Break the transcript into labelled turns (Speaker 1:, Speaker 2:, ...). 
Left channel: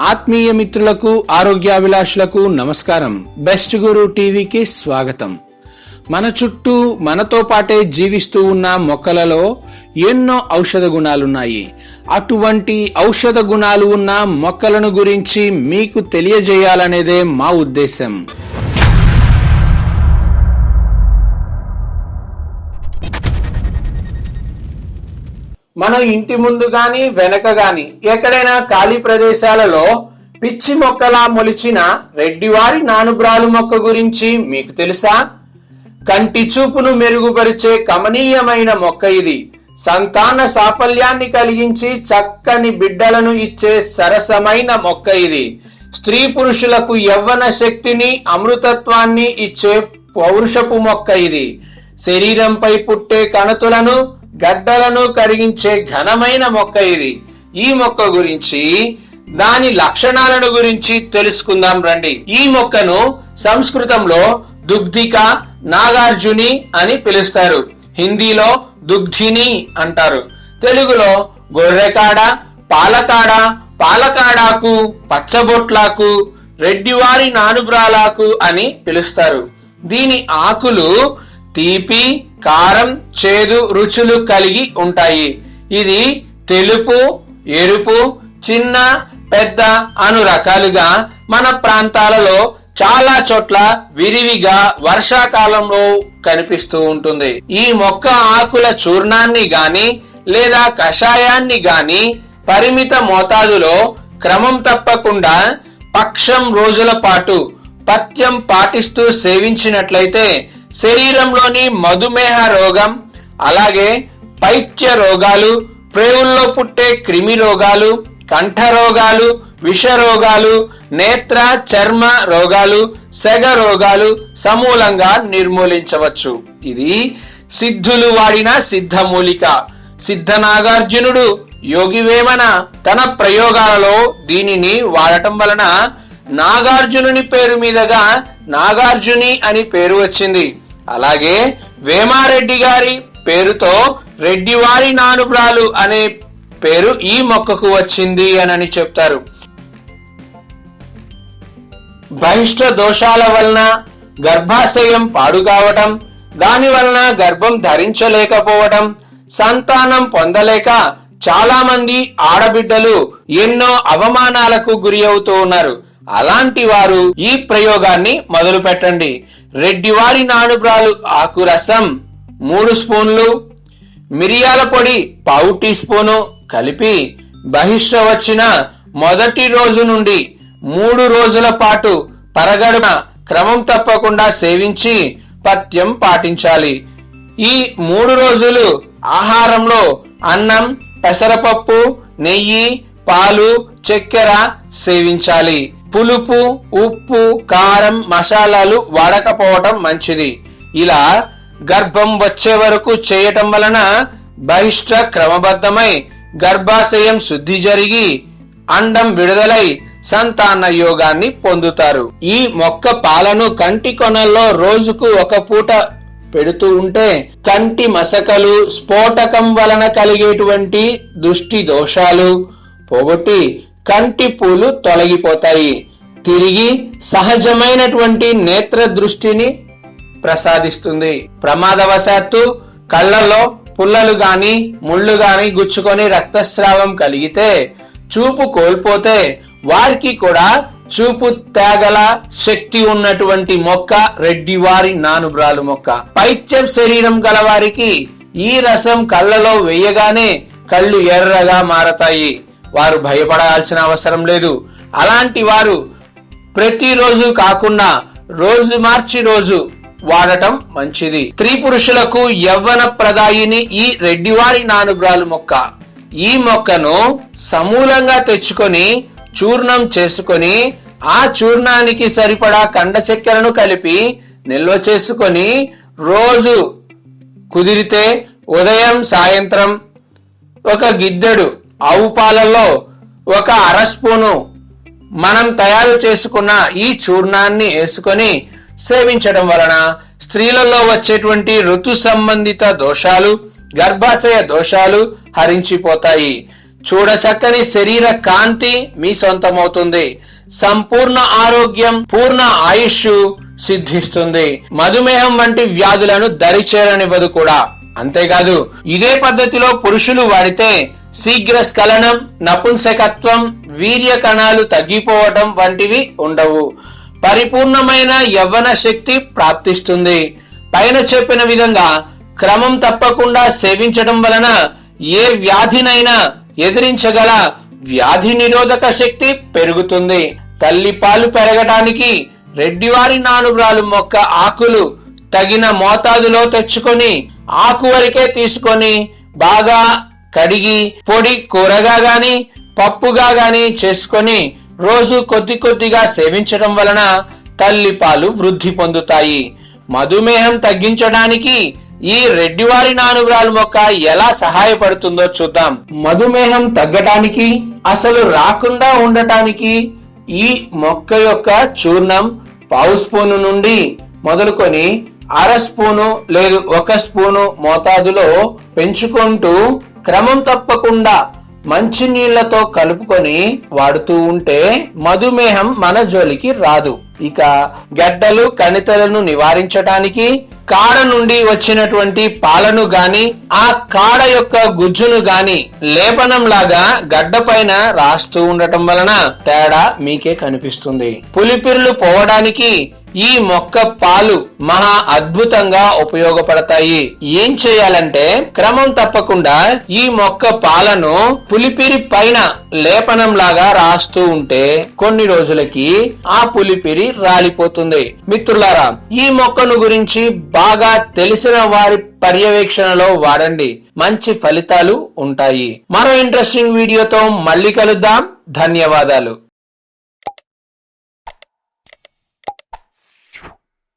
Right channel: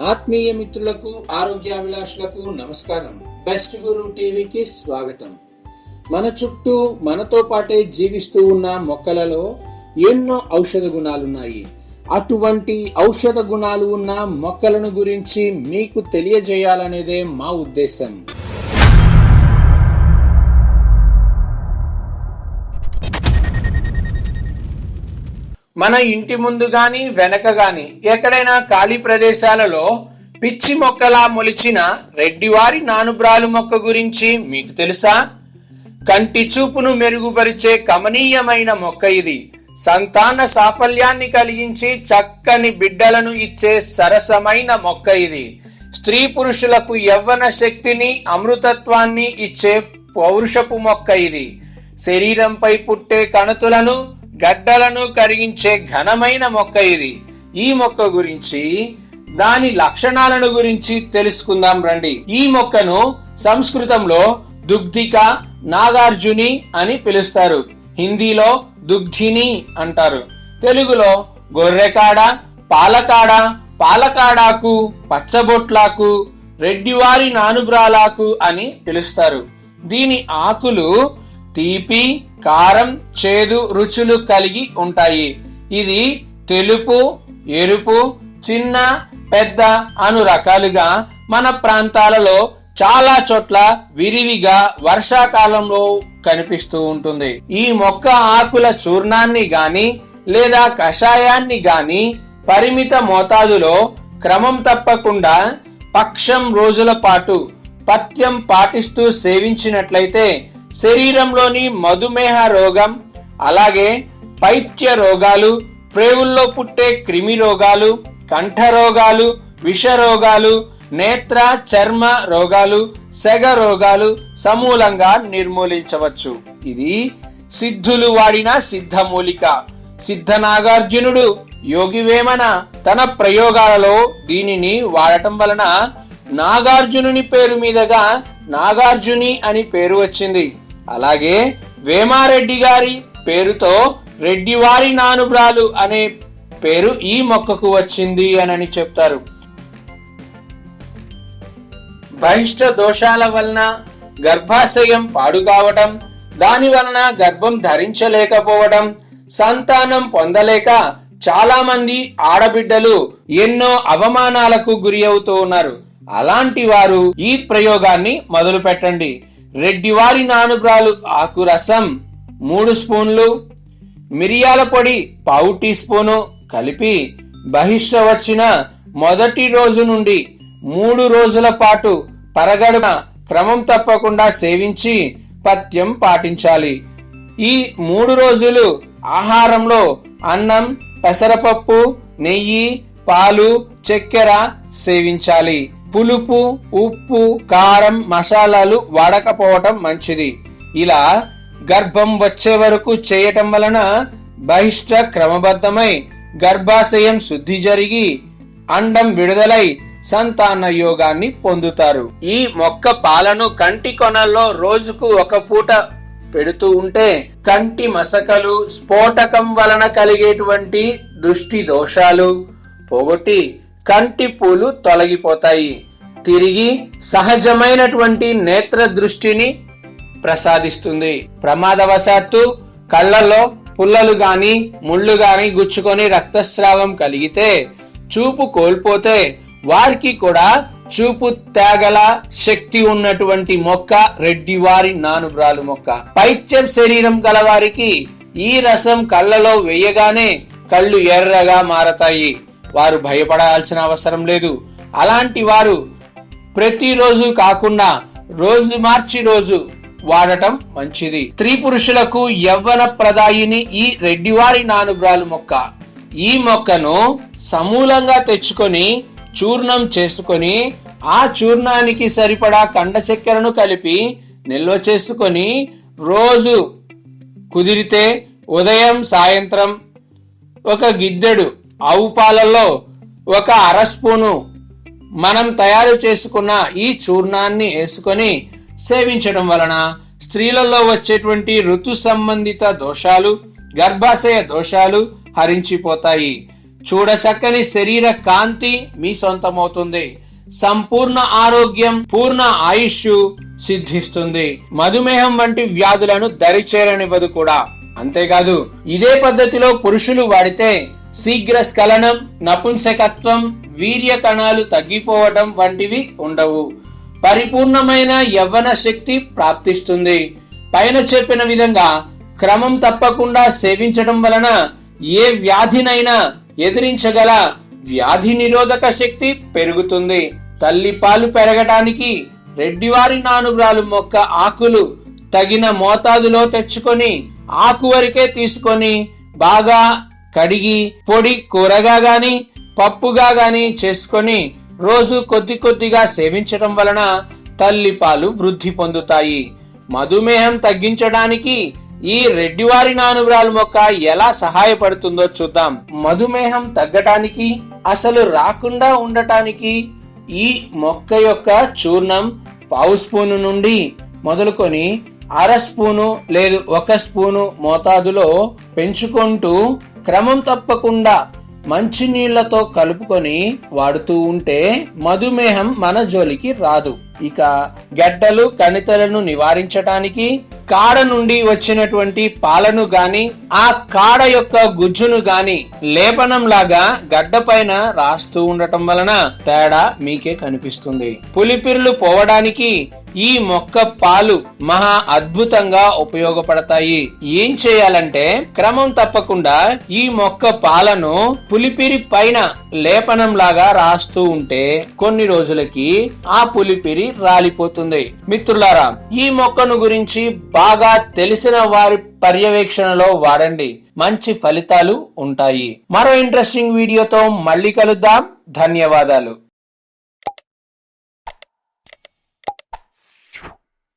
Speaker 1: ఆత్మీయ మిత్రులకు ఆరోగ్యాభిలాషులకు నమస్కారం. బెస్ట్ గురు టీవీకి స్వాగతం. మన చుట్టూ మనతో పాటే జీవిస్తూ ఉన్న మొక్కలలో ఎన్నో ఔషధ గుణాలున్నాయి. అటువంటి ఔషధ గుణాలు ఉన్న మొక్కలను గురించి మీకు తెలియజేయాలనేదే మా ఉద్దేశం. మన ఇంటి ముందు గాని వెనక గాని ఎక్కడైనా ఖాళీ ప్రదేశాలలో పిచ్చి మొక్కలా మొలిచిన రెడ్డివారి నానుబ్రాలు మొక్క గురించి మీకు తెలుసా? కంటి చూపును మెరుగుపరిచే కమనీయమైన మొక్క ఇది. సంతాన సాఫల్యాన్ని కలిగించి చక్కని బిడ్డలను ఇచ్చే సరసమైన మొక్క ఇది. స్త్రీ పురుషులకు యవ్వన శక్తిని అమృతత్వాన్ని ఇచ్చే పౌరుషపు మొక్క ఇది. శరీరంపై పుట్టే కణతులను గడ్డలను కరిగించే ఘనమైన మొక్క ఇది. ఈ మొక్క గురించి దాని లక్షణాలను గురించి తెలుసుకుందాం రండి. ఈ మొక్కను సంస్కృతంలో దుగ్ధిక నాగార్జుని అని పిలుస్తారు. హిందీలో దుగ్ధిని అంటారు. తెలుగులో గొర్రెకాడ పాలకాడ పాలకాడాకు పచ్చబొట్లాకు రెడ్డివారి నానుబ్రాలాకు అని పిలుస్తారు. దీని ఆకులు తీపి కారం చేదు రుచులు కలిగి ఉంటాయి. ఇది తెలుపు ఎరుపు చిన్న పెద్ద అను రకాలుగా మన ప్రాంతాలలో చాలా చోట్ల విరివిగా వర్షాకాలంలో కనిపిస్తూ ఉంటుంది. ఈ మొక్క ఆకుల చూర్ణాన్ని గాని లేదా కషాయాన్ని గాని పరిమిత మోతాదులో క్రమం తప్పకుండా పక్షం రోజుల పాటు పథ్యం పాటిస్తూ సేవించినట్లయితే శరీరంలోని మధుమేహ రోగం అలాగే పైత్య రోగాలు ప్రేవుల్లో పుట్టే క్రిమి రోగాలు కంఠ రోగాలు విష రోగాలు నేత్ర చర్మ రోగాలు సెగ రోగాలు సమూలంగా నిర్మూలించవచ్చు. ఇది సిద్ధులు వాడిన సిద్ధమూలిక. సిద్ధ నాగార్జునుడు యోగివేమన తన ప్రయోగాలలో దీనిని వాడటం వలన నాగార్జునుని పేరు మీదుగా నాగార్జుని అని పేరు వచ్చింది. అలాగే వేమారెడ్డి గారి పేరుతో రెడ్డివారి నానుబ్రాలు అనే పేరు ఈ మొక్కకు వచ్చింది అని చెప్తారు. బహిష్ట దోషాల వలన గర్భాశయం పాడు కావటం దాని వలన గర్భం ధరించలేకపోవటం సంతానం పొందలేక చాలా మంది ఆడబిడ్డలు ఎన్నో అవమానాలకు గురి అవుతూ ఉన్నారు. అలాంటి వారు ఈ ప్రయోగాన్ని మొదలు పెట్టండి రెడ్డివారి నానుబ్రాలు ఆకు రసం మూడు స్పూన్లు మిరియాల పొడి పావు టీ స్పూను కలిపి బహిష్ట వచ్చిన మొదటి రోజు నుండి మూడు రోజుల పాటు పరగడున క్రమం తప్పకుండా సేవించి పథ్యం పాటించాలి. ఈ మూడు రోజులు ఆహారంలో అన్నం పెసరపప్పు నెయ్యి పాలు చక్కెర సేవించాలి. పులుపు ఉప్పు కారం మసాలాలు వాడకపోవటం మంచిది. ఇలా గర్భం వచ్చే వరకు చేయటం వలన బహిష్ట క్రమబద్ధమై గర్భాశయం శుద్ధి జరిగి అండం విడుదలై సంతాన యోగాన్ని పొందుతారు. ఈ మొక్క పాలను కంటి కొనల్లో రోజుకు ఒక పూట పెడుతూ ఉంటే కంటి మసకలు స్ఫోటకం వలన కలిగేటువంటి దృష్టి దోషాలు పోగొట్టి కంటి పూలు తొలగిపోతాయి. తిరిగి సహజమైనటువంటి నేత్ర దృష్టిని ప్రసాదిస్తుంది. ప్రమాదవశాత్తు కళ్ళల్లో పుల్లలు గాని ముళ్ళు గాని గుచ్చుకొని రక్తస్రావం కలిగితే చూపు కోల్పోతే వారికి కూడా చూపు తేగల శక్తి ఉన్నటువంటి మొక్క రెడ్డివారి నానుబ్రాలు మొక్క. పైత్యం శరీరం గల వారికి ఈ రసం కళ్ళలో వేయగానే కళ్ళు ఎర్రగా మారతాయి. వారు భయపడాల్సిన అవసరం లేదు. అలాంటి వారు ప్రతిరోజు కాకుండా రోజు మార్చి రోజు వాడటం మంచిది. స్త్రీ పురుషులకు యవ్వన ప్రదాయిని ఈ రెడ్డివారి నానుబ్రాలు మొక్క. ఈ మొక్కను సమూలంగా తెచ్చుకొని చూర్ణం చేసుకొని ఆ చూర్ణానికి సరిపడా కండ చక్కెరను కలిపి నిల్వ చేసుకొని రోజు కుదిరితే ఉదయం సాయంత్రం ఒక గిద్దెడు ఆవు పాలలో ఒక అర స్పూను మనం తయారు చేసుకున్న ఈ చూర్ణాన్ని వేసుకొని సేవించడం వలన స్త్రీలలో వచ్చేటువంటి ఋతు సంబంధిత దోషాలు గర్భాశయ దోషాలు హరించిపోతాయి. చూడచక్కని శరీర కాంతి మీ సొంతమవుతుంది. సంపూర్ణ ఆరోగ్యం పూర్ణ ఆయుష్ సిద్ధిస్తుంది. మధుమేహం వంటి వ్యాధులను దరిచేరనివ్వదు కూడా. అంతేకాదు ఇదే పద్ధతిలో పురుషులు వాడితే శీఘ్ర స్ఖలనం నపుంసకత్వం వీర్య కణాలు తగ్గిపోవటం వంటివి ఉండవు. పరిపూర్ణమైన యవ్వన శక్తి ప్రాప్తిస్తుంది. పైన చెప్పిన విధంగా క్రమం తప్పకుండా సేవించడం వలన ఏ వ్యాధినైనా ఎదిరించగల వ్యాధి నిరోధక శక్తి పెరుగుతుంది. తల్లి పాలు పెరగటానికి రెడ్డివారి నానుబ్రాలు మొక్క ఆకులు తగిన మోతాదులో తెచ్చుకొని ఆకు వరకే తీసుకొని బాగా కడిగి పొడి కూరగా గాని పప్పుగా గాని చేసుకొని రోజు కొద్ది కొద్దిగా సేవించడం వలన తల్లి పాలు వృద్ధి పొందుతాయి. మధుమేహం తగ్గించడానికి ఈ రెడ్డివారి నానుగురాలు మొక్క ఎలా సహాయపడుతుందో చూద్దాం. మధుమేహం తగ్గటానికి అసలు రాకుండా ఉండటానికి ఈ మొక్క యొక్క చూర్ణం పావు స్పూను నుండి మొదలుకొని అర స్పూను లేదు ఒక స్పూను మోతాదులో పెంచుకుంటూ క్రమం తప్పకుండా మంచి నీళ్ళతో కలుపుకొని వాడుతూ ఉంటే మధుమేహం మన జోలికి రాదు. ఇక గడ్డలు కణితలను నివారించటానికి కాడ నుండి వచ్చినటువంటి పాలను గాని ఆ కాడ యొక్క గుజ్జును గాని లేపనం లాగా గడ్డ పైన రాస్తూ ఉండటం వలన తేడా మీకే కనిపిస్తుంది. పులిపిరులు పోవడానికి ఈ మొక్క పాలు మహా అద్భుతంగా ఉపయోగపడతాయి. ఏం చేయాలంటే క్రమం తప్పకుండా ఈ మొక్క పాలను పులిపిరి పైన లేపనం లాగా రాస్తూ ఉంటే కొన్ని రోజులకి ఆ పులిపిరి రాలిపోతుంది. మిత్రులారా ఈ మొక్కను గురించి బాగా తెలిసిన వారి పర్యవేక్షణలో వాడండి. మంచి ఫలితాలు ఉంటాయి. మరో ఇంట్రెస్టింగ్ వీడియోతో మళ్ళీ కలుద్దాం. ధన్యవాదాలు.